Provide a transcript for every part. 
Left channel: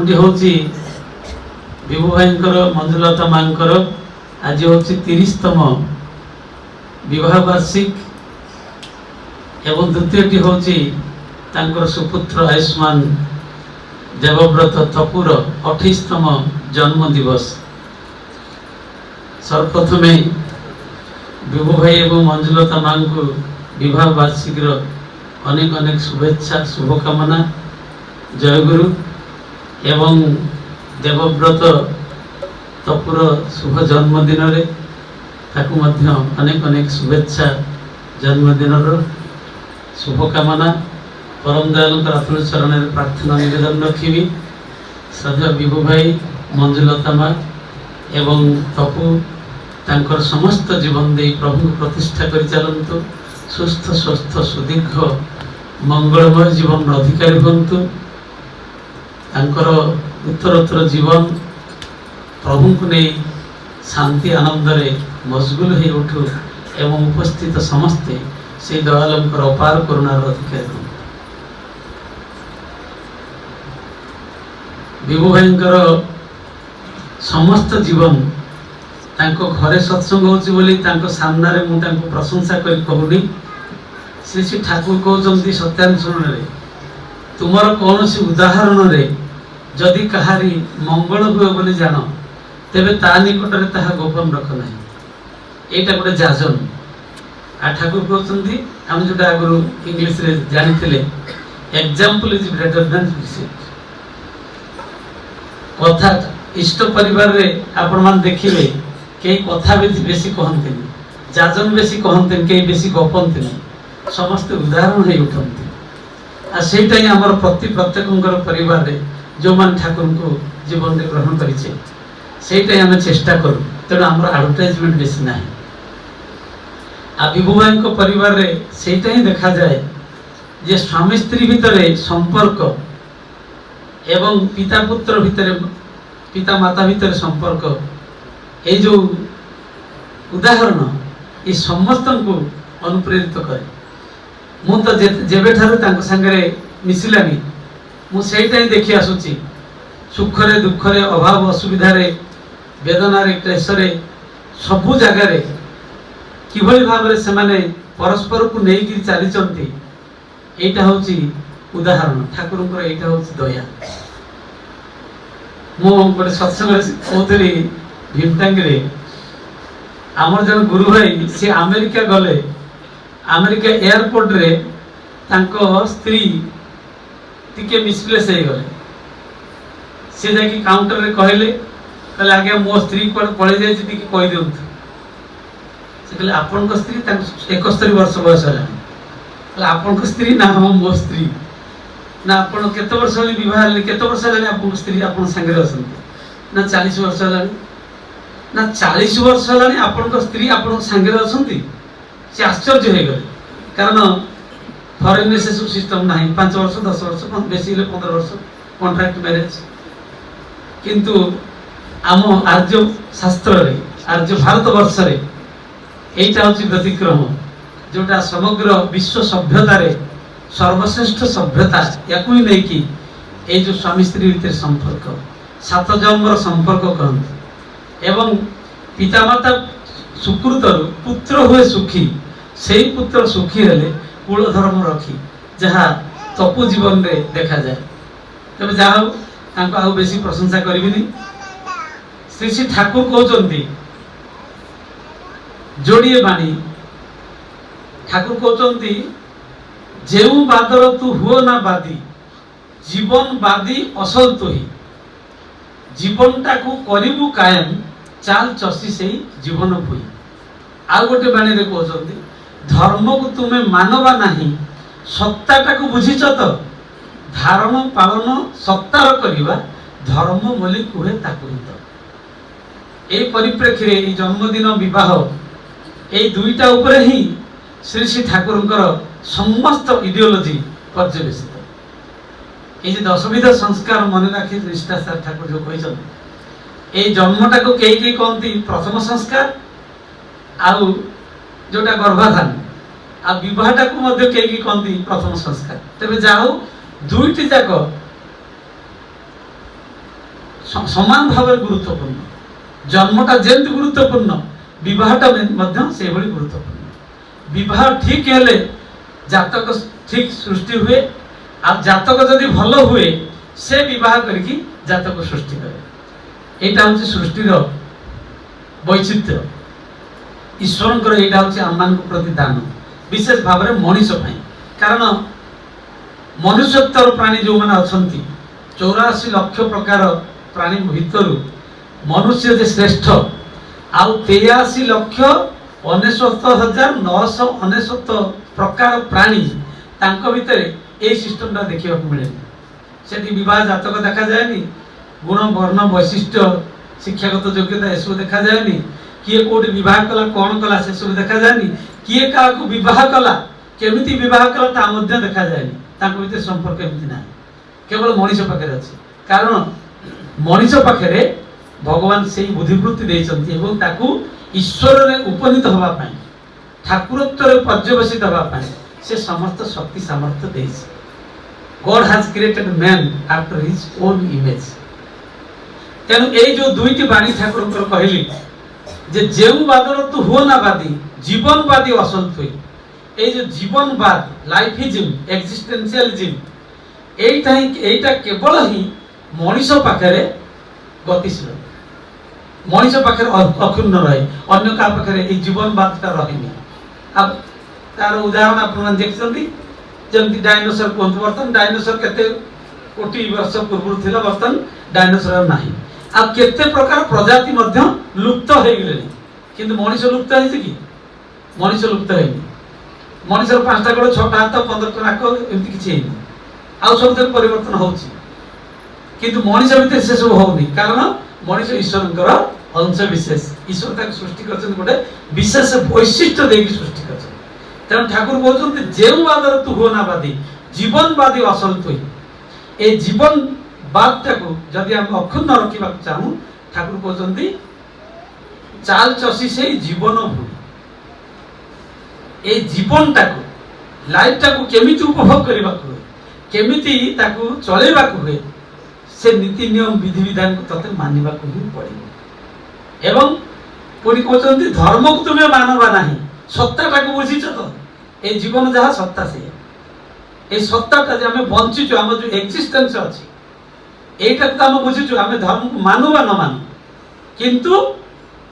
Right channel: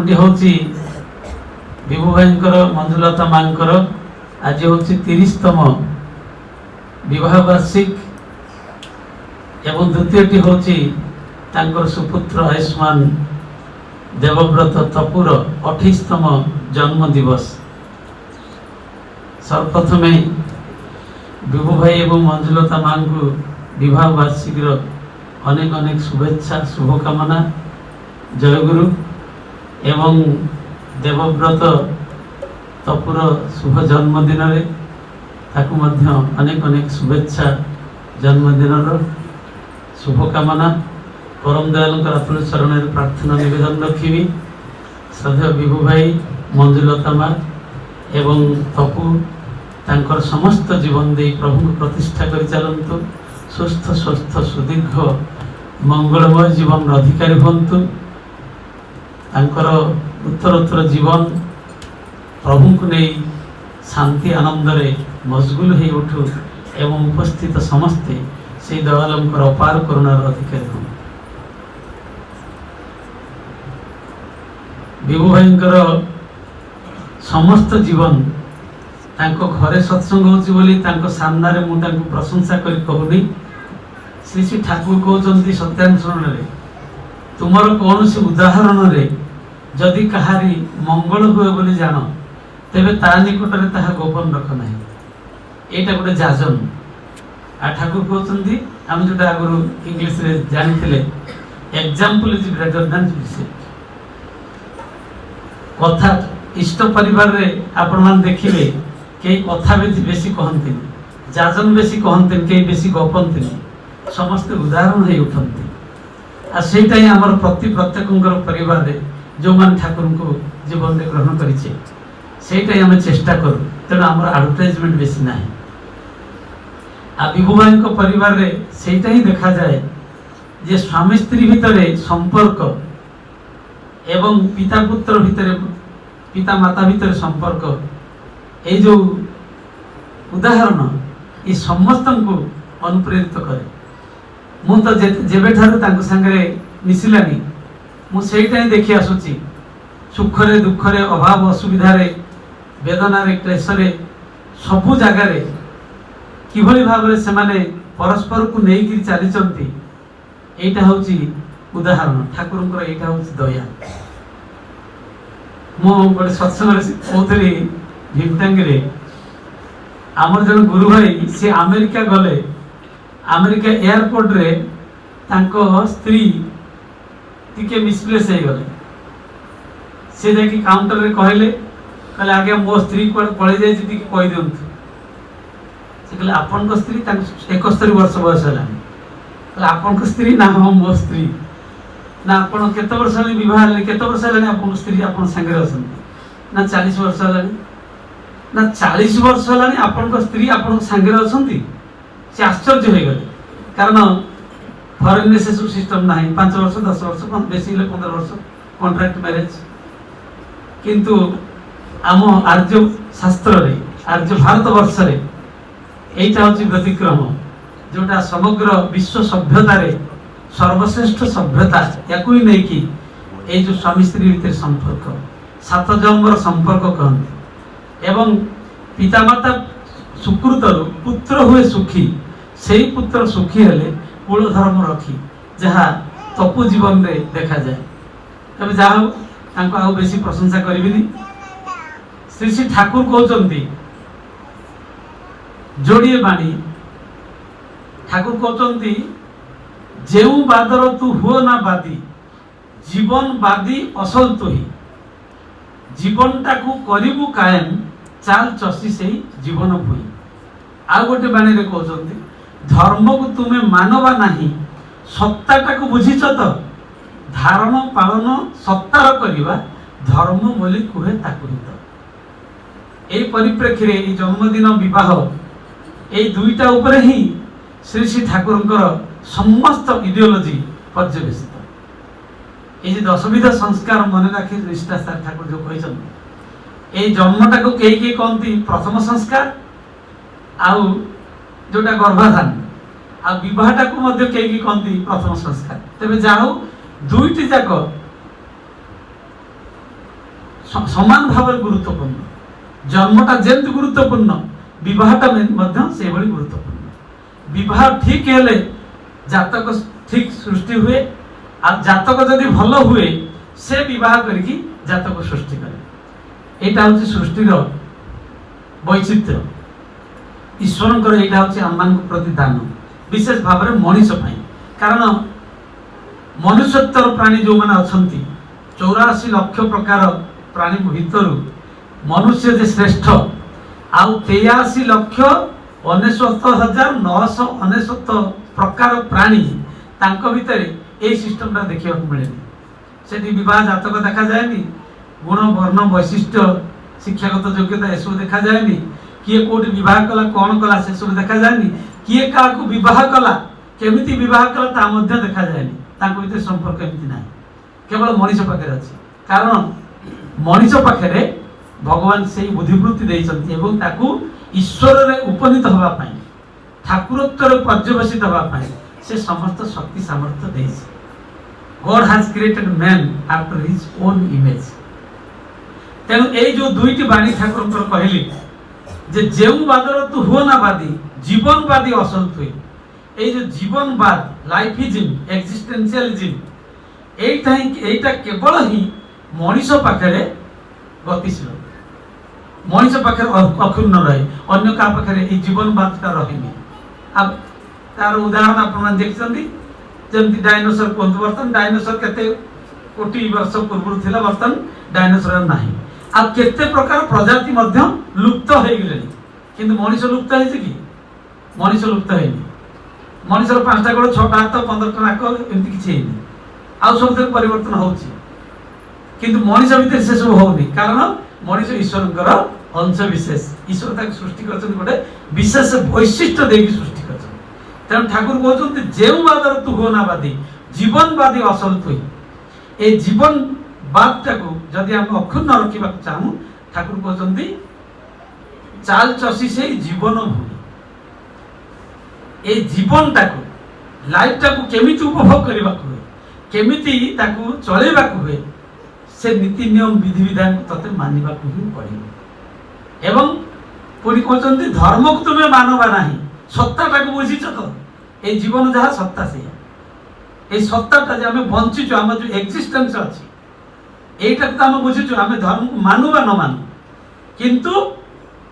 प्रथमटी हूँ विभु भाई मंजुलता माँ आज हूँ 30तम विवाह वार्षिक एवं द्वितीयटी हूँ सुपुत्र आयुष्मान देवव्रत तपुर 28तम जन्म दिवस। सर्वप्रथमे विभु भाई एवं मंजुलता माँ को विवाह वार्षिक अनेक अनेक शुभेच्छा शुभकामना। जयगुरु एवं देवव्रत तपुर शुभ जन्मदिन अनेक अनेक शुभेच्छा जन्मदिन शुभकामना। परम दयाल अतुल चरण प्रार्थना निवेदन रखी श्रद्धा विभु भाई मंजुलता माँ एवं तपु तांकर समस्त जीवन दे प्रभु प्रतिष्ठा कर चलतु सुस्थ स्वस्थ सुदीर्घ मंगलमय जीवन अधिकारी हंतु। तांकर उत्तरोत्तर जीवन प्रभु को नहीं शांति आनंद रे मशगुल हो उठू एवं उपस्थित समस्ते से दयालंकर अपार करुणार अधिकारी हूँ। विभु भाई समस्त जीवन तांको घरे सत्संग होची बोली तांको सामना रे मु तांको प्रशंसा करी कहूनी। श्री श्री ठाकुर कहते सत्यानुसरण रे तुमर कौन सी उदाहरण रे जदि कहारी मंगल हुए बोली जान तेबे ता निकट रे ताहा गोपन रख नाही। एटा गोटे जाजन आ ठाकुर कहते हम जोटा आगु इंग्लिश रे जानिथिले example is greater than receipt. कथा इष्ट परिवार रे आपण मान देखिबे के कथा बेसी कहते जाजन बेसी कहते के बेसी गपंती समस्त उदाहरण है उठती आ सेटा ही हमर प्रत्येक परिवार रे जो मान ठाकुर को जीवन में ग्रहण करिछे सेटा ही हम चेष्टा करू। तेणु हमर एडवर्टाइजमेंट बेसी नाही। आ विभु भाई को परिवार रे सेटा ही देखा जाए जे स्वामी स्त्री भितरे संपर्क एवं पिता पुत्र भितरे पिता माता भितर संपर्क ये जो उदाहरण ये समस्त को अनुप्रेरित करे। मु तो जेबे ठारू तांको संगे मिसिलानी मु सेटा ही देखि आसुची सुख रे दुख रे अभाव असुविधा रे वेदना रे क्लेश रे सबु जगह रे किभली भाव रे से माने परस्पर को नेई कि चली चंती। एटा होची उदाहरण ठाकुर को एटा होची दया। मो गोटे सत्संग कहते भीमटांगी रे आमर जन गुरु भाई से अमेरिका गले अमेरिका एयरपोर्ट रे तांको स्त्री टिके मिसप्लेस हो गले से जाकि काउंटर रे कहले कहले आगे मो स्त्री को पळे जाय टिके कहि दियंतु। से कहले आपन को स्त्री तांको 71 वर्ष बयस हलानी कहले आपन को स्त्री ना हम मो स्त्री ना आपण केते वर्ष हली विवाह हली केते वर्ष हलानी आपन स्त्री आपन संगे रहसंती ना 40 वर्ष हलानी ना 40 वर्ष हलानी आपन को स्त्री आपन संगे रहसंती। से आश्चर्य हो गले कारण फॉरेन से सब सिस्टम नाही 5 वर्ष 10 वर्ष बेसी 15 वर्ष कॉन्ट्रैक्ट मैरिज किंतु आम आर्य शास्त्र रे आर्य भारत वर्ष रे एटा होची व्यतिक्रम जोटा समग्र विश्व सभ्यता रे सर्वश्रेष्ठ सभ्यता याकू ही नहीं कि ए जो स्वामी स्त्री भीतर संपर्क 7 जन्मर संपर्क कहते एवं पितामाता सुकृत पुत्र हुए सुखी से पुत्र सुखी हेले कुल धर्म रखी जहाँ तपु जीवन रे देखा जाए। तबे जाओ तांको आउ बेसी प्रशंसा करिबिनी। श्री श्री ठाकुर कहते जोड़िए बाणी ठाकुर कहते जेउ बादर तू हुओ ना बादी जीवन बादी असल तो ही जीवन टाकू करिबु कायम चाल चसी से जीवन भूई। आ गोटे बाणी रे कहते धर्म को तुम्हें मानवा नहीं सत्ता टाकू बुझीच तो धारण पालन सत्तार करिवा धर्म बोली कुहे ताकू तो। ए परिप्रेक्षी रे ए जन्मदिन विवाह ए दुईटा ऊपर ही श्री श्री ठाकुरंकर समस्त इडियोलॉजी पर्यवेसित। ये 10 विध संस्कार मन रखी निष्ठा ठाकुर जो कहते ए जन्मटा को कई कहती प्रथम संस्कार आउ जोटा गर्भाधान आ विवाहटा को मध्य कई कहती प्रथम संस्कार। तेबे जाओ दुईटी जाक समान भाव गुरुत्वपूर्ण जन्मटा जेमती गुरुत्वपूर्ण विवाहटा से गुरुत्वपूर्ण विवाह ठीक हेले जातक ठीक सृष्टि हुए आ जातक जदि भल हुए से विवाह करके जातक सृष्टि करे एटा हूँ सृष्टिर वैचित्र्य ईश्वर यहाँ हूँ आम प्रति दान विशेष भाव में मनीष कारण मनुष्यत्वर प्राणी जो मैंने अच्छा 84 लाख प्रकार प्राणी भितर मनुष्य जे श्रेष्ठ आउ 83 लाख 69,999 प्रकार प्राणी तांको भितर ए सिस्टमटा देखा मिले से विवाह जातक देखा जाए गुण वर्ण वैशिष्ट्य शिक्षागत योग्यता एसबू देखा जाए किए कोटी विवाह कला कौन कला से सब देखा जाए किए क्या विवाह कला केमिति विवाह कला ता मध्य देखा जाए भीतर संपर्क एमती ना केवल मनीष पाखे अच्छे कारण मनीष पाखे भगवान से बुद्धिवृत्ति देइछन्ति एवं ताकू ईश्वर रे उपनीत होगा ठाकुरत्व पर्यवसित होगा से समस्त शक्ति सामर्थ्य देइछ God has created man after his own image तेणु ये जो दुईटी बाणी ठाकुर कहली जे जेउ बादर तू हो ना बादी जीवनवादी असल तुई ये जो जीवनवाद लाइफिज्म एक्जिस्टेंशियलिज्म एटा केवल ही मनीष पाखे गतिशील मनीष पाखे अक्षुण्ण रहे अन्य क्या पाखे ये जीवनवादटा रही अब तार उदाहरण आप देखते जमी डायनोसर कहते बर्तन डायनोसर केते कोटी वर्ष पूर्व थिला बर्तन डायनोसर नाही आ केते प्रकार प्रजाति मध्य लुप्त हो गले किंतु मनीष लुप्त है कि मनीष लुप्त है मनीषर 5टा गोड़ 6टा हाथ 15टा नाक एमती किसी आउ सब परिवर्तन होची किंतु मनीष भितर से सब होनी कारण मनीष ईश्वर अंश विशेष ईश्वर तक सृष्टि करछन गोटे विशेष वैशिष्ट्य देकी सृष्टि करछन तेणु ठाकुर कहते जेउ बादर तू हो ना बादी जीवनवादी असल तुई ए जीवनवादटा को जदि हम अक्षुण्ण रखा चाहूँ ठाकुर कहते चाल चषी से जीवन भूमि ए जीवनटा को लाइफटा को केमिति उपभोग करबा को केमिति ताकू चलेबा को हुए से नीति नियम विधि विधान को तते मानिबा को ही पड़िबो एवं पुरी कहते धर्म को तुम्हें मानवा नहीं सत्ताटा को बुझीछ तो ए जीवन जहाँ सत्ता से ए सत्ताटा जे आमे बंचिछु हम जो एक्जिस्टेंस अछि एटा तो हम बुझीछु आमे धर्म को मानु बा न मानु किंतु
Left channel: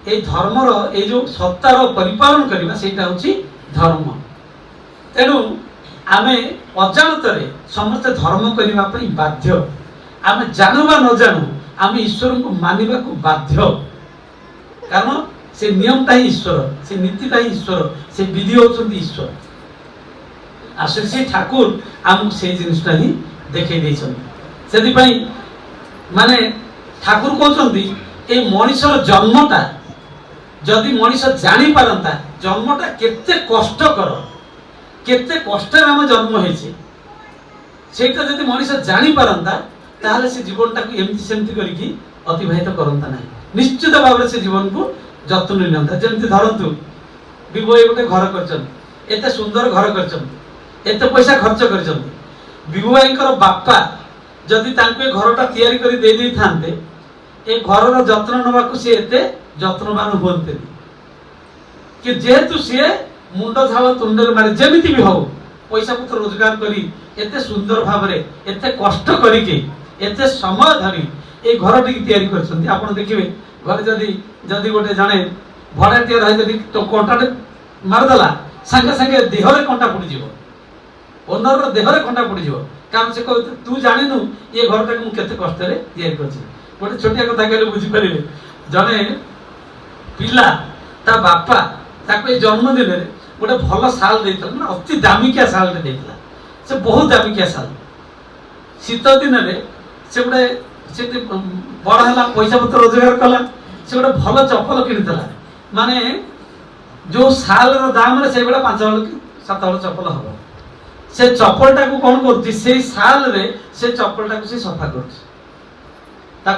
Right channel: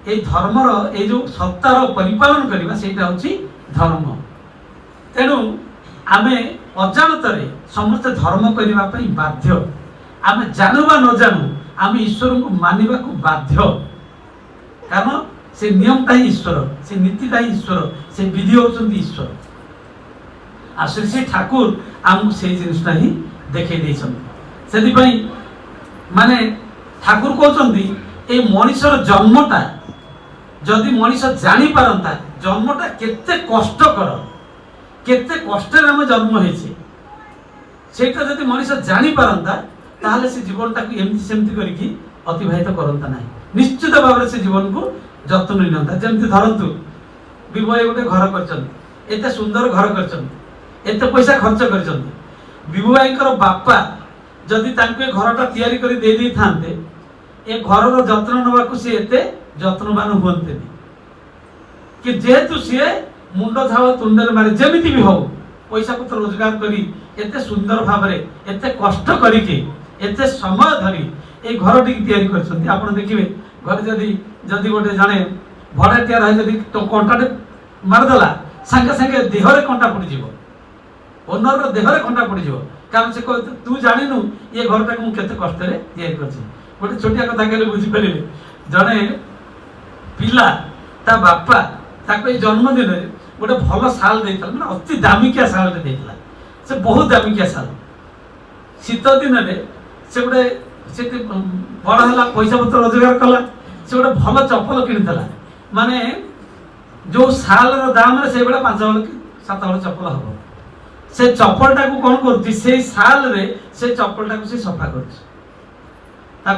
ए धर्मर ए जो सत्तार परिपालन करबा सेटा होछि धर्म तेणु आमे अजाणतरे समस्त धर्म करबा पई बाध्य आमे जानू बा न जानू आमे ईश्वर को मानिबा को बाध्य कारण से नियमटा ही ईश्वर से नीतिटा ही ईश्वर से विधि होचंती ईश्वर आ श्री ठाकुर आम से जिनिसटा ही देखै दैछन सेति पई माने ठाकुर कहचंती ए मनीषर जन्मटा जदि मनीष जानी पारंता जन्मटा केते कष्टकर केते कष्टर आम जन्म होइछे सेटा जदि मनीष जानी पारंता ताहले से जीवनटा को एमती सेमती करके अतिबाहित करंता नाही निश्चित भाव से जीवन को जत्न नियंता जमती धरतु विभय गोटे घर करछन एते सुंदर घर करछन एते पैसा खर्च करछन विभयकर बापा जदि तांके घरटा तयारी करी दे दी थांते ए घरर जत्न नबा को से एते जत्नवान होते कि जेहेतु सी मुंड झाल तुंडर मारे जमीती भी हो पैसा पत्र रोजगार करी एते सुंदर भाव में एते कष्ट करिके एते समय धरी ए घर टी तैयारी करछन्ती आपण देखिबे घर जदि जदि गोटे जाने भड़ाटिया रहे जदि तो कंटाटे मारदेला संगे संगे देहरे कंटा पड़ी जीवो ओनर रो देहरे कंटा पड़ी जीवो कारण से कहते तू जानिनु ये घरटा को केते कष्ट रे तैयारी करछि गोटे छोटिया कथा कहले बुझी परिबे जने पिला ता बापा ताको जन्मदिन में गोटे भल साल देता ना अति दामिकिया साल देता से बहुत दामिकिया साल शीत दिन में से गोटे से बड़ा है पैसा पत्र रोजगार कला से गोटे भल चप्पल किनीला माने जो साल दाम से 5 कि 7 हल चप्पल हम से चप्पलटा को कौन कर साल रे से चप्पलटा को से सफा कर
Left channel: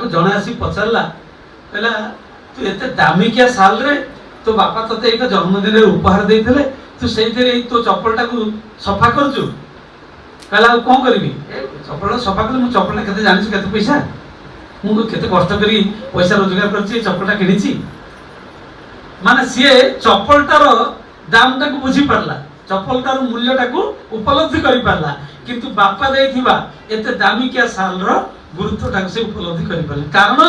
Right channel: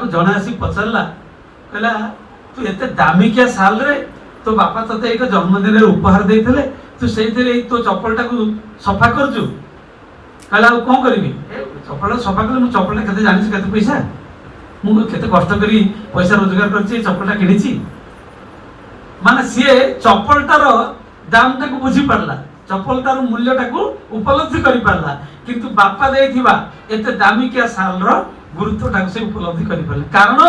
जड़े आसी पचारा कहला तू एते दामिकिया साल रे तो बापा तते एक जन्मदिन रे उपहार देइथिले तू सेइथिरे तो चप्पलटा को सफा करजु कहला कोन करबी चप्पल सफा करले मु चप्पल केते जानिस केते पैसा ମୁଁ କେତେ କଷ୍ଟ କରି ପଇସା ରୋଜଗାର କରିଛି ଚପଲଟା କିଣିଛି। ମାନେ ସିଏ ଚପଲଟାର ଦାମଟାକୁ ବୁଝି ପାରିଲା, ଚପଲଟାର ମୂଲ୍ୟଟାକୁ ଉପଲବ୍ଧି କରିପାରିଲା, କିନ୍ତୁ ବାପା ଦେଇଥିବା ଏତେ ଦାମିକିଆ ଶାଲର ଗୁରୁତ୍ୱଟାକୁ ସେ ଉପଲବ୍ଧି କରିପାରିଲେ, କାରଣ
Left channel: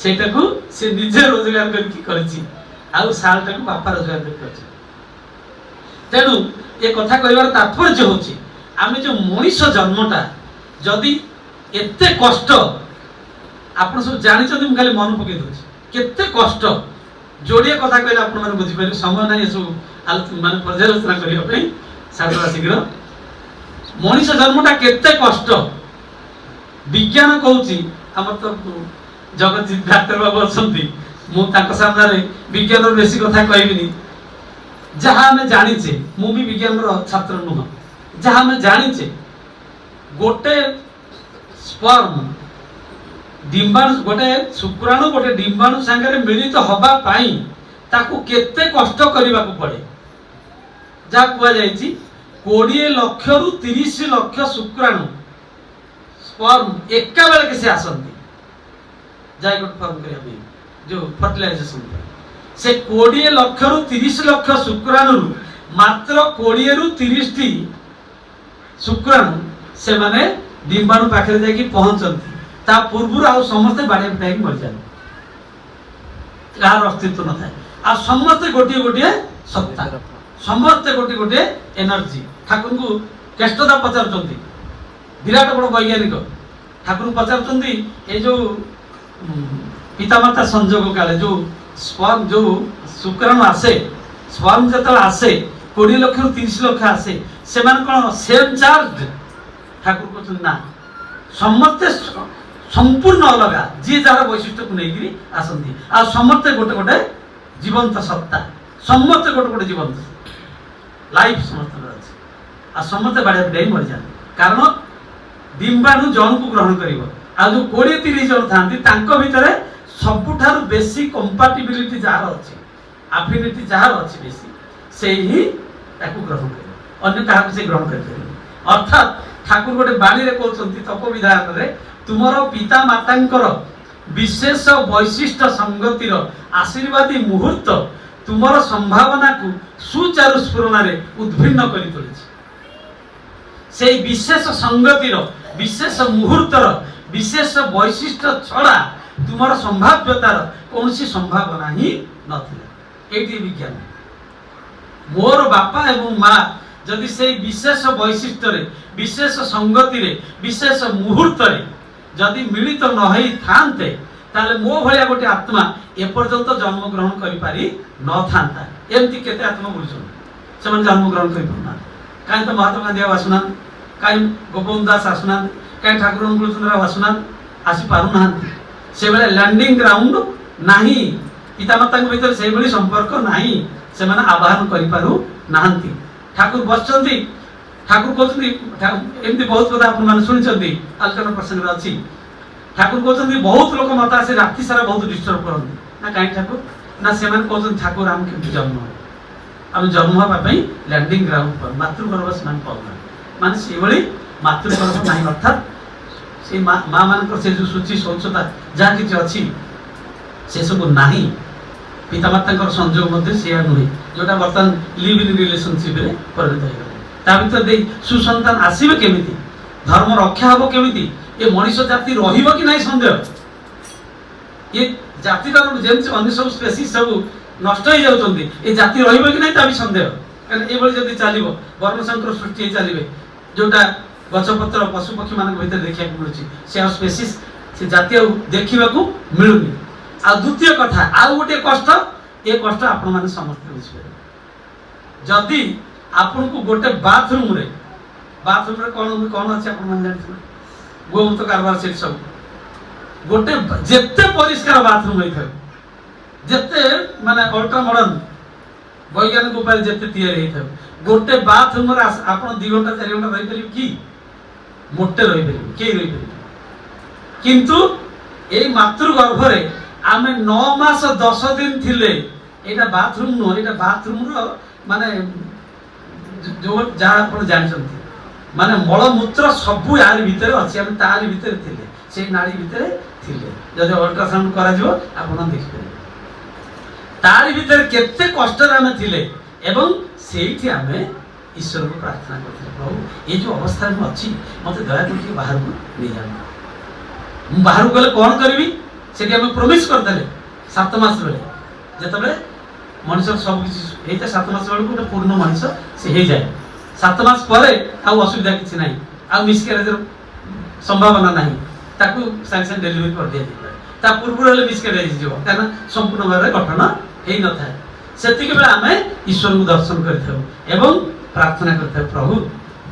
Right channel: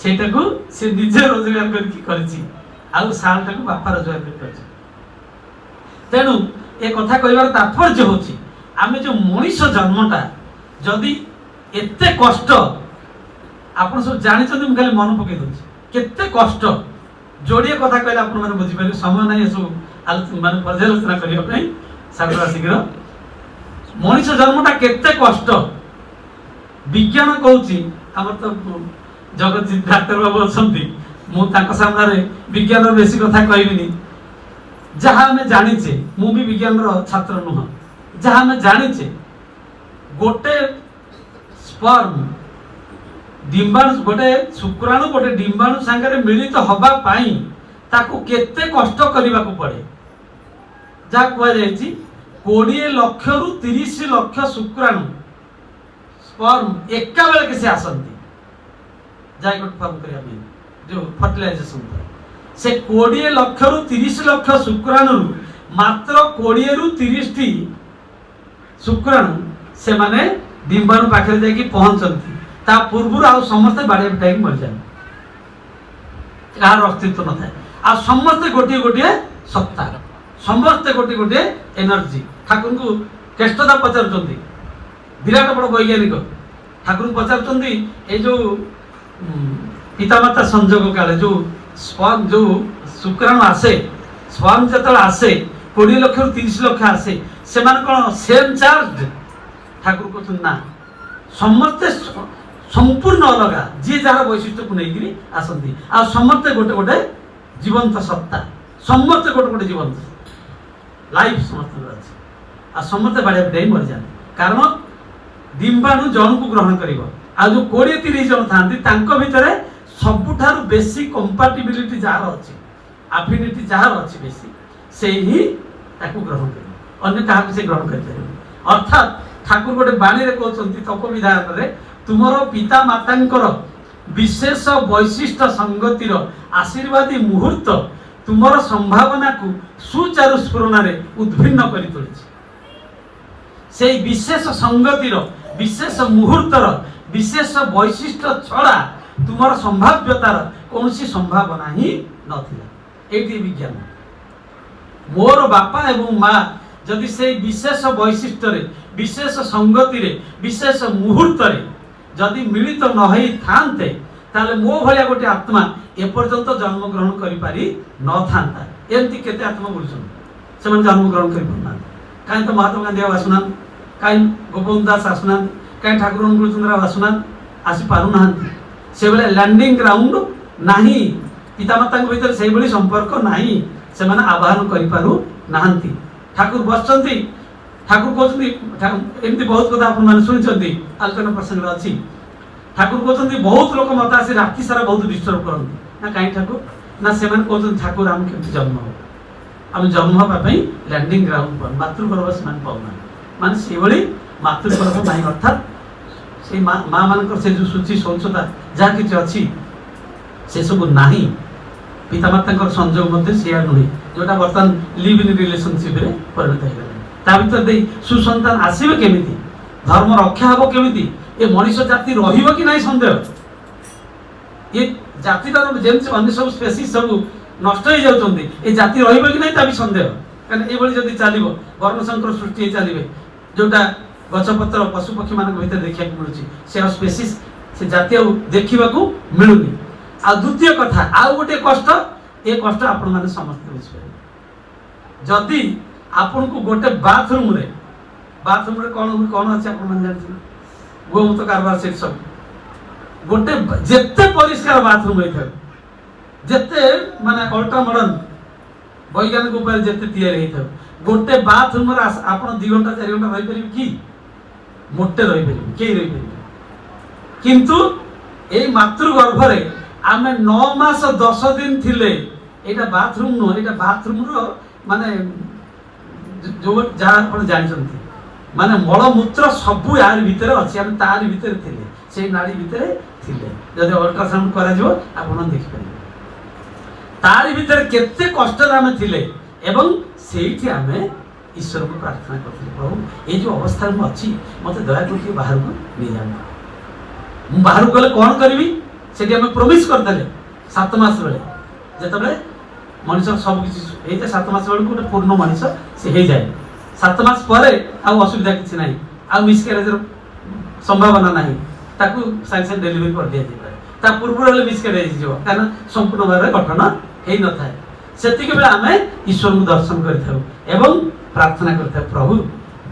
ସେଇଟାକୁ ସେ ନିଜେ ରୋଜଗାର କରିକି କରିଛି, ଆଉ ଶାଲଟାକୁ ବାପା ରୋଜଗାର କରି କରିଛି। ତେଣୁ ଏ କଥା କହିବାର ତାତ୍ପର୍ଯ୍ୟ ହଉଛି ଆମେ ଯୋଉ ମଣିଷ ଜନ୍ମଟା ଯଦି ଏତେ କଷ୍ଟ, ଆପଣ ସବୁ ଜାଣିଛନ୍ତି, ମୁଁ ଖାଲି ମନେ ପକେଇ ଦଉଛି କେତେ କଷ୍ଟ। ଯୋଡ଼ିଏ କଥା କହିଲେ ଆପଣ ମାନେ ବୁଝିପାରିବେ, ସମୟ ନାହିଁ ଏସବୁ ମାନେ ପର୍ଯ୍ୟାଲୋଚନା କରିବା ପାଇଁ। ସାରା ଶୀଘ୍ର ମଣିଷ ଜନ୍ମଟା କେତେ କଷ୍ଟ ବିଜ୍ଞାନ କହୁଛି। ଆମର ତ ଜଗତଜିତ ଡାକ୍ତର ବାବୁ ଅଛନ୍ତି, ମୁଁ ତାଙ୍କ ସାମ୍ନାରେ ବିଜ୍ଞାନର ବେଶୀ କଥା କହିବିନି। ଯାହା ଆମେ ଜାଣିଛେ, ମୁଁ ବି ବିଜ୍ଞାନର ଛାତ୍ର ନୁହଁ, ଯାହା ଆମେ ଜାଣିଛେ ଗୋଟେ ସ୍ପର୍ମ ডিম্বাণু, গোটে শুক্রাণু গোটে ডিম্বাণু সাଙ୍ଗরে মিলিত হবা পাই তাকু কেতে কষ্ট করিবাকু পড়ে। যা কুয়া যাইছি 20 লক্ষরু 30 লক্ষ শুক্রাণু স্পর্ম একা বেলকে সে আসନ୍ତି জাইগোট ফর্ম করিয়া পাই, जो फर्टिलाइजेशन से 20 लक्षरु 30 लक्ष शुक्राणु मात्र 20 रु 30 टी शुक्राणु से माने डिम्बाणु पाखरे जाई पहुंचନ୍ତି। ता पूर्व आउ समस्त बाड़े टाइम मर जाए, कहार अस्तित्व न थाए। आ समस्ते गोटे गोटे सत्ता, समस्ते गोटे गोटे एनर्जी। ठाकुर को केष्टता पचारुचंदी, विराट बड़ वैज्ञानिक ठाकुर पचारुचंदी ए जो पितामाता संजोग काले जो स्पर्म जो शुक्राणु आसे, स्पर्म जतले आसे 20 लक्ष 30 लक्ष आसे, से माने कोन सेम चार्ज? ठाकुर को ना, समस्ते संपूर्ण अलग, जी जार वैशिष्ट्य को लेकिन आसती। आ समस्ते गोटे गोटे जीवंत सत्ता, समस्ते गोटे गोटे जीवंत लाइफ समस्त अच्छे। आ समस्ते बाड़े टाइम मर जाए, कारण डिम्बाणु जन को ग्रहण कर जो 20-30 जन था भितर सबुठार बेसी कंपाटिबिलिटी जार अच्छी, एफिनिटी जार अच्छी बेसी, से ही ताकू ग्रहण कर, अन्य क्या से ग्रहण कर। अर्थात ठाकुर गोटे बाणी कहते तप विधान रे तुमर पिता मातांकर विशेष वैशिष्ट संगतिर आशीर्वादी मुहूर्त तुमर संभावना को सुचारु स्फुरण उद्भिन्न करी तोलिछि। से विशेष संगतिर विशेष मुहूर्तर विशेष वैशिष्ट छड़ा तुमर संभाव्यतार कौन सी संभावना ही नथिला। एटी विज्ञान मोर बापा एवं माँ जदि से विशेष वैशिष्ट विशेष संगति विशेष मुहूर्त जदि मिलित न होई थांते ताले मो भलिया गोटे आत्मा एपर्यंत जन्म ग्रहण करि पारि न थांता। एमती केते आत्मा बुझुछन से मन जन्म ग्रहण करि पना, काई तो महात्मा गांधी आसुना, काई गोपबंधु दास आसुना, काई ठाकुर अनुकूलचंद्र आसुना, आसी पारु नाहंती। से बेले लैंडिंग ग्राउंड नाही, पितामाता भीतर से भली संपर्क नाही, से माने आवाहन करि पारु नाहंती। ठाकुर बसचंती, ठाकुर कहते एमती बहुत कथा आप शुणी आलोचना प्रसंग अच्छी। ठाकुर कहते बहुत लोग मत आसे राति सारा बहुत डिस्टर्ब करते ना, कहीं ठाकुर ना से कहते ठाकुर आम के जन्म आम जन्म हाँपाई लैंडिंग ग्राउंड पर मातृगर्भ से पाऊना, माने से मातृगर्भ ना, अर्थात से माँ मान से जो सूची शौचता जहाँ कि अच्छी से सब ना। पितामाता संजोग से नुहे जोटा बर्तमान लिव इन रिलेशनशिप परिणत हो भर दे सुसंतान आसवे केमी, धर्म रक्षा हम केमी, ये मनीष जाति रहिबो कि नहीं संदेह। ये जाति अन्य सब स्पेसीज सब नष्ट हो जाउछन्ती, ये जाति रहिबो कि नहीं ता भी संदेह। कारण ये जदि चलिबो वर्णशंकर सृष्टि चलिबे जोटा गछपत्र पशु पक्षी मान भीतर देखा मिलूँ से स्पेसीज से जाति देखा मिलूनी। आ द्वितीय कथा आउ गोटे कष्ट, ये कष्ट आपण माने समस्त बुझिपारे। जदि आपन को गोटे बाथरूम रे कौन कौन अच्छे आप गोमूत्र कारबार से सब गोटे जेते परिष्कार बाथरूम होता जेते माने अल्ट्रा मॉडर्न वैज्ञानिक उपाय जेते तैयारी होता गोटे बाथरूम रे आपन 2 घंटा 4 घंटा रही परिबे कि मोटे रही परिबे के रही परिबे। किंतु ए मातृगर्भ रे आमे 9 मास 10 दिन थिले एटा बाथरूम नो, एटा बाथरूम रो माने जो जहाँ आप जानते माने मलमूत्र सबू यार भितर अच्छे, आम तार भितर थे से नाड़ी भितर थिले जदि अल्ट्रासाउंड करा जो आपण देखि परिबे तारि भितर केते कष्ट रे आमे थिले एवं सेठी आमे ईश्वर को प्रार्थना करथिले प्रभु ए जो अवस्था में अछि मते दया करके बाहर को ले जाना मु बाहर को गले कोन करबी सेठी आमे प्रॉमिस कर देले 7 मास बेले जेतबे मनुष्य सब किसी एते 7 मास बेले को पूर्ण मनुष्य से हे जाए 7 मास परे आ असुविधा किछि नाही आ मिसकैरेज संभावना नाही ताकू साइंस डिलीवरी कर दिया दिबा ता पूर्व हेले मिसकैरेज जो काना संपूर्ण भाबरे गठन हेई न थाए सेतिके बेला आमे ईश्वर को दर्शन करथौ एवं प्रार्थना करथौ प्रभु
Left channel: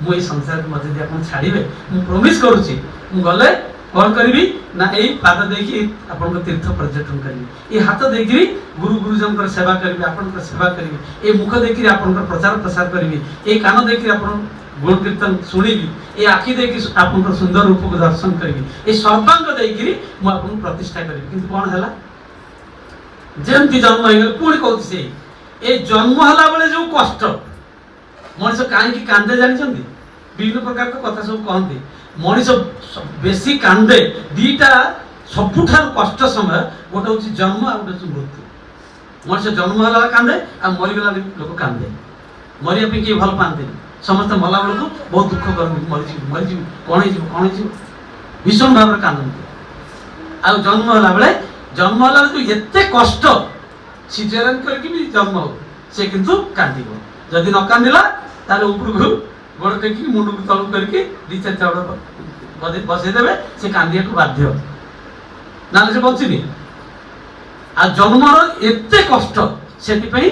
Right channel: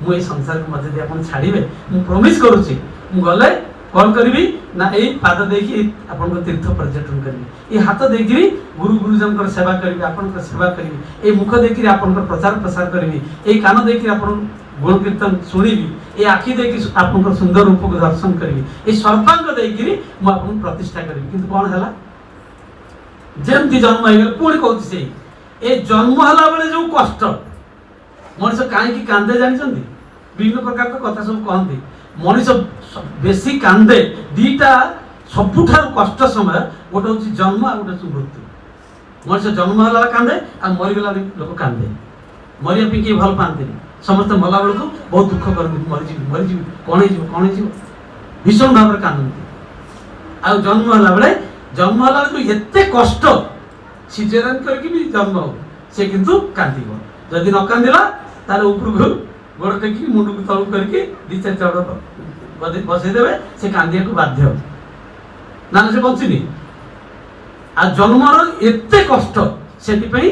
मु ए संसार के मध्य अपन छाड़ीबे मु प्रॉमिस करूची मु गले कोन करबी ना ए पाद देखि अपन को तीर्थ पर्यटन करबी ए हाथ देखि गुरु गुरुजन कर सेवा करबी अपन को सेवा करबी ए मुख देखि अपन को प्रचार प्रसार करबी ए कान देखि अपन गुण कीर्तन सुनिबी ए आखि देखि अपन को सुंदर रूप को दर्शन करबी ए सर्वांग देखि मु अपन प्रतिष्ठा करबी किंतु कोन हला जेमती जन्म हे पुणी कहती से ए जन्म हला बेले जो कष्ट मनुष्य कहीं कांदे जानी विभिन्न प्रकार तो कथा सब कहते मनुष्य बेसी कांदे दीटा सबुठार कष्ट समय गोटे हूँ जन्म आ गोटे मृत्यु मनुष्य जन्म हला कांदे आ मरीगला लोक कांदे मरिया पे किए भल पाते समस्त मला बेलू बहुत दुख करते मरीजी कौन भीषण भाव में कांदते आ जन्म हला बेले जन्म हला जो एते कष्ट सिजेरियन करके भी जन्म हो से किंतु कांदिबो जदि न कांदिला तार ऊपर को गोड़ टेकी मुंड को तळु करके दी चार चावड़ बसै देबे से कांदिया को बाध्य ना से बंचिनी आ जन्मर एते कष्ट सेति पई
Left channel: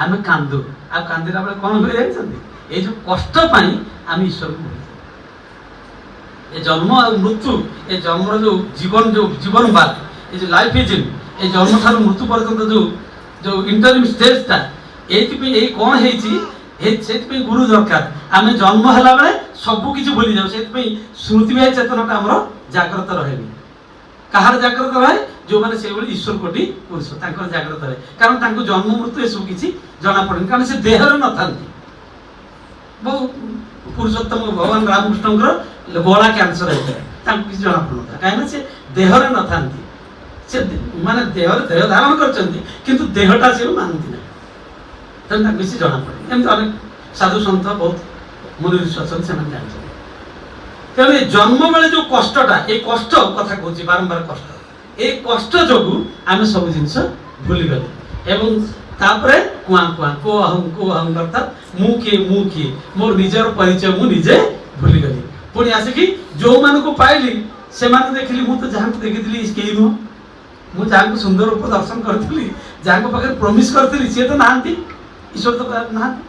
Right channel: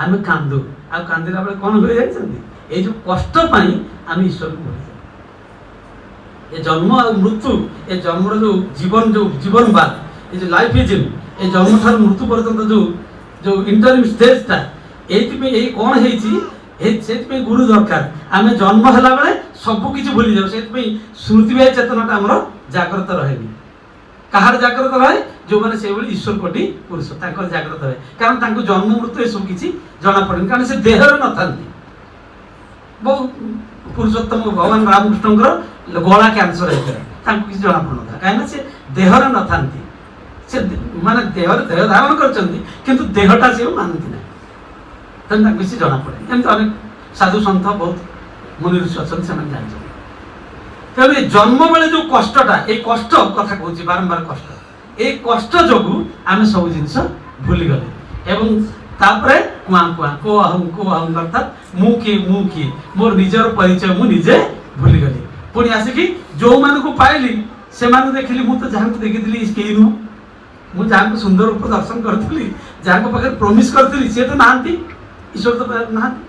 आमे कांदु आ कांदिला बेले कोन होय जाय छथि ए जो कष्ट पई आमे ईश्वर को बोली ए जन्म और मृत्यु ए जन्मर जो जीवन बात ये जो लाइफ इज ए जन्म ठार मृत्यु पर्यंत जो इंटरव्यू स्टेज ता एई कोन हेची से गुरु दरकार आम जन्म है बेले सबू किसी भूली जाऊ से स्मृति भाई चेतनाटा आमर जाग्रत रहे कहार जाग्रत रहे जो मैंने से ईश्वर कोटि पुरुष जाग्रत रहे कारण जन्म मृत्यु ये सब किसी जना पड़े कारण से देहर न था बहुत पुरुषोत्तम भगवान रामकृष्ण गला कैंसर होता है किसी जना पड़ ना कहीं से देहर न था से माने देह धारण कर देहटा से मानती ना किसी जना पड़े एमती अनेक साधु सन्थ बहुत मुनि ऋषि अच्छा से तेणु जन्म बेले जो कष्टटा ये कष्ट कथा कहूँ बारंबार कष्ट ये कष्ट जो आम सब जिन भूली गले एवं तापरे कुआ कुआ को अहम अर्थात मु किए मोर निजर परिचय मुझे भूली गली पुणी आसिकी जो मान को पाइली से देखिली मुझे जहाँ को देखी कहीं नुह मुझे जहाँ को सुंदर रूप दर्शन करी जहाँ पाखे प्रॉमिस करी सी तो नहांती ईश्वर तो नहांती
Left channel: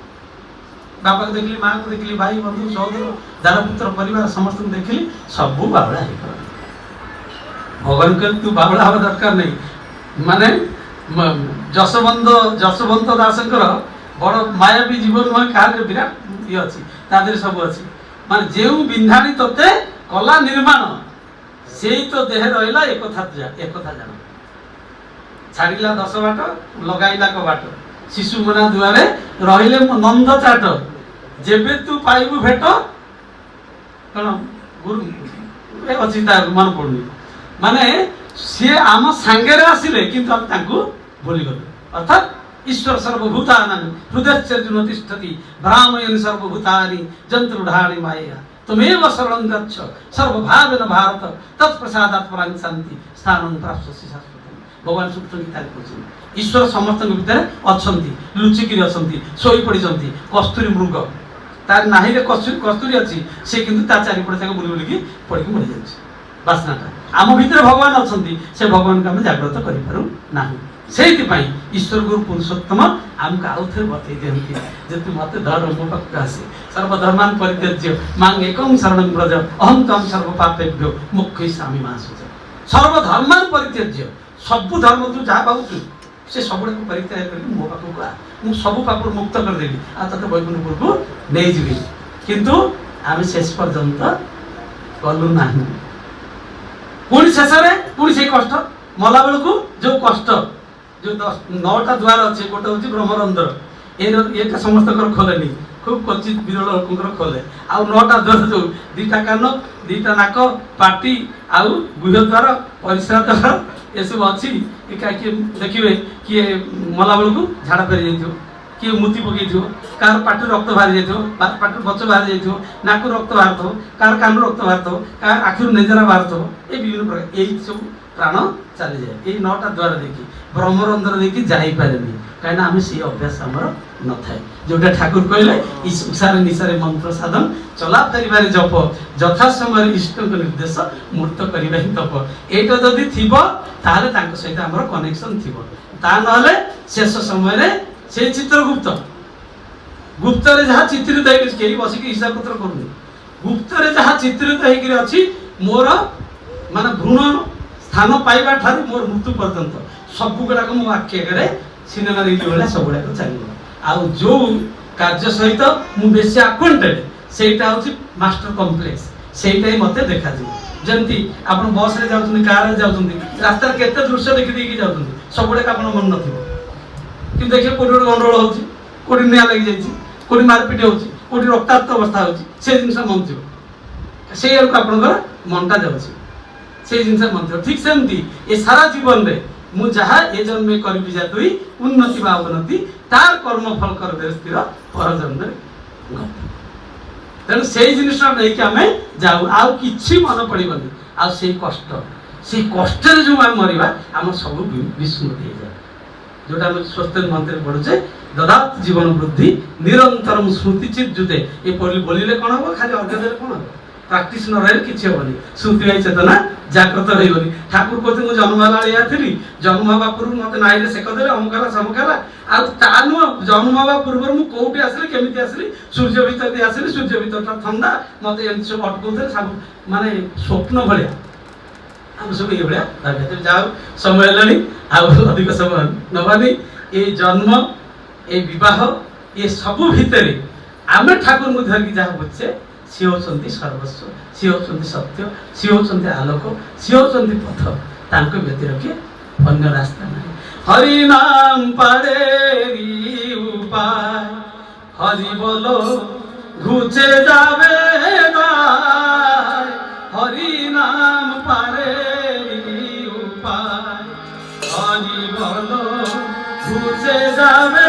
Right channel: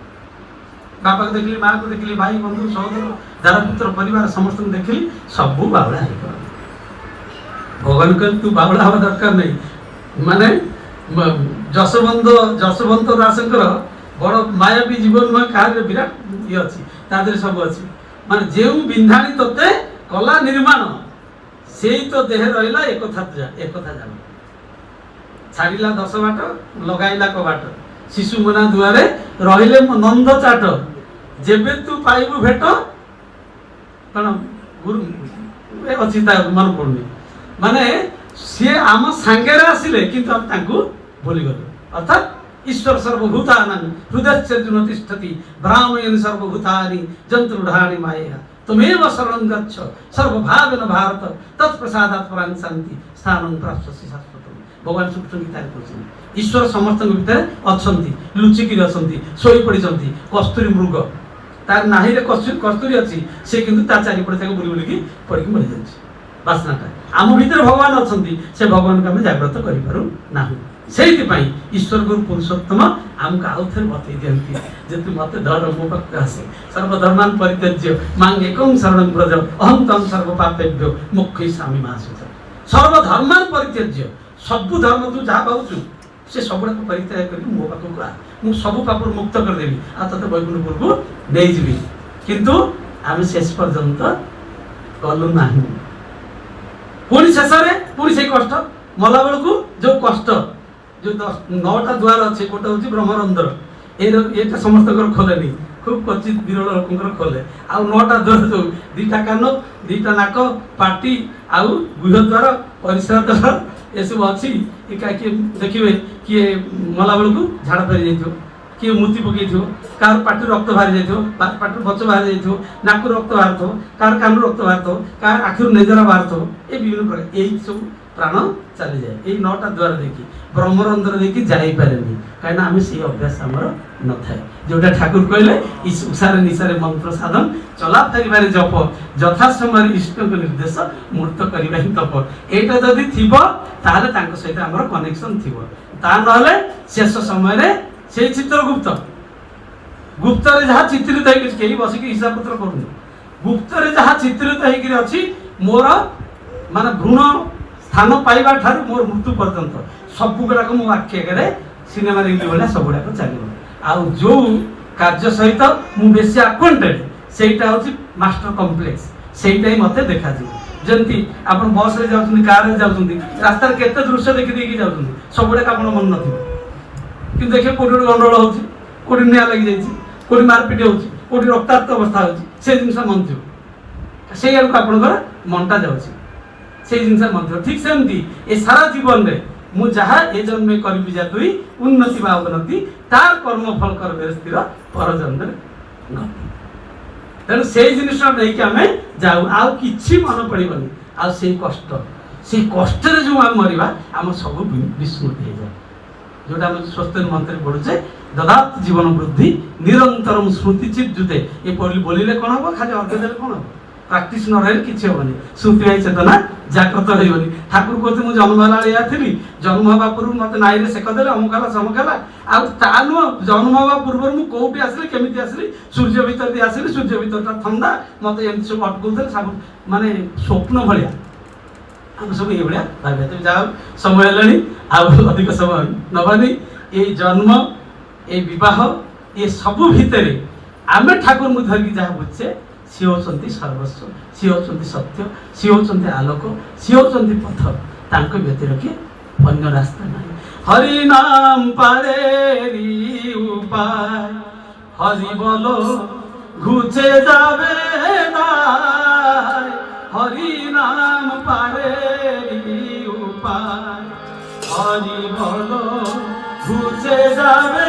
बापा को देखिली माँ को देखिली भाई बंधु सहोदर दादा पुत्र परिवार समस्त देखिली सबू बावड़ा भगवान कहते तू बावड़ा हवा दरकार नहीं माने जसवंत दासंकर बड़ मायावी जीवन में कहा विराट ये अच्छी तादेह सब अच्छी माने जो बिंधाणी तोते कला निर्माण से तो देह रहा एक जान छाड़िला 10 बाट लगाइला कबाट शिशु मना दुआरे रहिले नंद चाट जेबे तू पाइबु भेट कण गुरु अच्छी मन पड़ुनी माने सी आम सांगे आसिले किंतु हम तांको भूली गलु अर्थात ईश्वर सर्वभूतानां हृदयस्य तिष्ठति ब्राह्मयन् सर्वभूतानि जन्तुरूढानि मायया तुमेव शरणं गच्छ सर्वभावेन भारत तत्प्रसादात् परां शान्ति स्थानं प्राप्स्यसि शाश्वतं भगवान सूक्ष्म गीता कहते ईश्वर समस्त भितर अछंती लुचिकी अछंती सोई पड़िछंती कस्तूरी मृग तार नाही रे कस्तूरी अछि से किंतु ता चारि पड़े ताको बुली बुली पड़िक मरि जाछि वासनाटा आम भितर भगवान अछंती से भगवान को हम जागृत करि पारु नाही सेति पई ईश्वर गुरु पुरुषोत्तम आमको आउ थे बतई दियंती जे मत धर्म मो पाखक आसे सर्वधर्मान परित्यज्य मांग एकं शरणं व्रज अहं तम सर्व पापेभ्यो मोक्षयिष्यामि मा शुच सर्वधर्मान परित्यज्य सबु धर्म तू जा पाउछु से सबुड़ा को परित्याग करके मो पाखक आ मु सब पापु मुक्त कर देबी आ तते वैकुंठपुर को नै जिबी किंतु आमे शेष पर्यंत गलु नाही पुणी शेष रे पुणी से कष्ट मला बेल को जो कष्ट जो 9टा द्वार अच्छे गोटे हूँ ब्रह्मरंध्र ये समस्त खोलेनी খুব କ୍ୱଚିତ ବିରଳ ଲୋକଙ୍କର ଖୋଲେ। ଆଉ 9ଟା ଦ୍ୱାର ଯୋଉ 2ଟା କାନ 2ଟା ନାକ ପାଟି ଆଉ ଗୁହ୍ୟଦ୍ୱାର ପରିସ୍ରା ଦ୍ୱାର ଏସବୁ ଅଛି। କିଏ ଦେଖିବେ କିଏ ମଲା ବେଳକୁ ଝାଡ଼ା ଫେରି ଯାଇଥିବ, କିଏ ମୁତି ପକେଇଥିବ, କାହାର ପାଟିରୁ ରକ୍ତ ବାହାରି ଯାଇଥିବ, ପାଟିରୁ ବଚ ବାହାରି ଯାଇଥିବ, ନାକରୁ ରକ୍ତ ବାହାରୁଥିବ, କାହାର କାନରୁ ରକ୍ତ ବାହାରୁଥିବ, କାହାର ଆଖିରୁ ନେଜରା ବାହାରୁଥିବ। ଏ ବିଭିନ୍ନ ପ୍ରକାର ଏଇ ସବୁ ପ୍ରାଣ ଚାଲିଯାଏ ଏଇ 9ଟା ଦ୍ୱାର ଦେଇକି। ବ୍ରହ୍ମରନ୍ଧ୍ର ଦେଇକି ଯାଇପାରେନି, କାହିଁକିନା ଆମେ ସେଇ ଅଭ୍ୟାସ ଆମର ନଥାଏ। ଯୋଉଟା ଠାକୁର କହିଲେ ଉଷାରେ ନିଶାରେ ମନ୍ତ୍ର ସାଧନ, ଚଲା ଫେରିବାରେ ଜପ, ଯଥା ସମୟରେ ଇଷ୍ଟଙ୍କ ନିର୍ଦ୍ଦେଶ, ମୂର୍ତ୍ତ କରିବା ହିଁ ତପ। ଏଇଟା ଯଦି ଥିବ ତାହେଲେ ତାଙ୍କ ସହିତ ଆମର କନେକ୍ସନ ଥିବ। ତା ନହେଲେ ଶେଷ ସମୟରେ ସେଇ ଚିତ୍ରଗୁପ୍ତ ଗୁପ୍ତରେ ଯାହା ଚିତ୍ରିତ ହେଇକି କେହି ବସିକି ହିସାବ ପତ୍ର କରୁନି। ଗୁପ୍ତରେ ଯାହା ଚିତ୍ରିତ ହେଇକି ଅଛି ମୋର ମାନେ ଭ୍ରୂଣ ସ୍ଥାନ ପାଇବା ଠାରୁ ମୋର ମୃତ୍ୟୁ ପର୍ଯ୍ୟନ୍ତ ସବୁ ଗୁଡ଼ାକ ମୋ ଆଖି ଆଗରେ ସିନେମା ଦେଖିଲା ଭଳିଆ ସବୁଗୁଡ଼ାକ ଚାଲିବ। ଆଉ ଯୋଉ କାର୍ଯ୍ୟ ସହିତ ମୁଁ ବେଶୀ ଆକ୍ୱାଣ୍ଟେଡ୍ ସେଇଟା ହେଉଛି ମାଷ୍ଟର କମ୍ପ୍ଲେକ୍ସ, ସେଇଟା ହିଁ ମୋତେ ଦେଖାଯିବ। ଯେମିତି ଆପଣ ବସ୍ରେ ଯାଉଛନ୍ତି, କାରରେ ଯାଉଛନ୍ତି, ରାସ୍ତାରେ କେତେ ଦୃଶ୍ୟ ଦେଖି ଦେଇକି ଯାଉଛନ୍ତି, ସବୁଗୁଡ଼ାକ ଆପଣଙ୍କ ମନେ ନଥିବ। କିନ୍ତୁ ଦେଖିବେ କୋଉଠି ଗୋଟେ ଗଣ୍ଡଗୋଳ ହେଉଛି, କୋଉଠି ନିଆଁ ଲାଗିଯାଇଛି, କୋଉଠି ମାରପିଟ ହେଉଛି, କୋଉଠି ରକ୍ତାକ୍ତ ଅବସ୍ଥା ହେଉଛି, ସେ ଜିନିଷ ମନେ ଥିବ। ସେଇ ଆଡ଼କୁ ଆପଣଙ୍କର ମନଟା ଯାଉଛି, ସେଇ ଜିନିଷ ମନେ ଥିବ। ଠିକ୍ ସେମିତି ଏ ସାରା ଜୀବନରେ ମୁଁ ଯାହା ଏ ଜନ୍ମେ କରିବି ଯା ତୁଇ ଉନ୍ନତି ବା ଅବନତି, ତାର କର୍ମ ଫଳ କରିବେ ସ୍ଥିର ପର ଜନ୍ମରେ। ତେଣୁ ସେଇ ଜିନିଷ ନେଇକି ଆମେ ଯାଉ, ଆଉ କିଛି ମନେ ପଡ଼ିବନି। ଆଉ ସେଇ କଷ୍ଟରେ ଯୋଉ ଆମେ ମରିବା ଆମର ସବୁ ବିସ୍ମୃତି ହେଇଯାଏ। ଯୋଉଟା ଆମେ ସ୍ୱସ୍ତିକ ମନ୍ତ୍ରରେ ପଢୁଛେ, ଦଦାତ ଜୀବନ ବୃଦ୍ଧି ନିରନ୍ତର ସ୍ମୃତି ଚିତ୍ଜୁତେ। ଏ ବୋଲିଲେ କଣ ହବ, ଖାଲି ଅର୍ଘ୍ୟ ଦେଲେ କଣ ହବ, ପ୍ରାକ୍ଟିସ ନ ରହିଲେ କିଛି ହବନି। ସ୍ମୃତିବାହୀ ଚେତନା ଜାଗ୍ରତ ରହିବନି। ଠାକୁର କହୁଛନ୍ତି ମୁଁ ଜନ୍ମ ହେଲା ଏଇଆ ଥିଲି, ଜନ୍ମ ହେବା ପୂର୍ବରୁ ମତେ ନାଇରେ ସେକ ଦେଲେ, ଅମୁକ ହେଲା ସମୁକ ହେଲା। ଆଉ ତା ନୁହଁ, ଜନ୍ମ ହେବା ପୂର୍ବରୁ ମୁଁ କୋଉଠି ଆସିଲି, କେମିତି ଆସିଲି, ସୂର୍ଯ୍ୟ ଭିତରେ ଦେଇ ଆସିଲି, ସୂର୍ଯ୍ୟ ଭିତରଟା ଥଣ୍ଡା, ମତେ ଏମିତି ସବୁ ଅଟକଉଥିଲେ, ସବୁ ମାନେ ସ୍ୱପ୍ନ ଭଳିଆ ଆମେ ସବୁ ଏଇଭଳିଆ ଭାବିବା। ଯାହା ସମୟ ହେଲାଣି, ଆଉ ଅଧିକ ସମୟ ନବାନି। ଏ ଜନ୍ମ, ଏ ବିବାହ, ଏ ସବୁ ଭିତରେ ଆମେ ଠାକୁରଙ୍କୁ ଧରିକି ଯାହା ବୁଝଛେ, ସିଏ ହେଉଛନ୍ତି ସର୍ବସ୍ୱ, ସିଏ ହେଉଛନ୍ତି ସତ୍ୟ, ସିଏ ହେଉଛନ୍ତି ଆଲୋକ, ସିଏ ହେଉଛନ୍ତି ପଥ। ତାଙ୍କ ବ୍ୟତିରେକ ଅନ୍ୟ ରାସ୍ତା ନାହିଁ। ହରି ନାମ ପାରେ উপায়, হরি বলো ঘুচে যাবে দায়, হরি নাম পারে উপায়, হরি বলো ঘুচে যাবে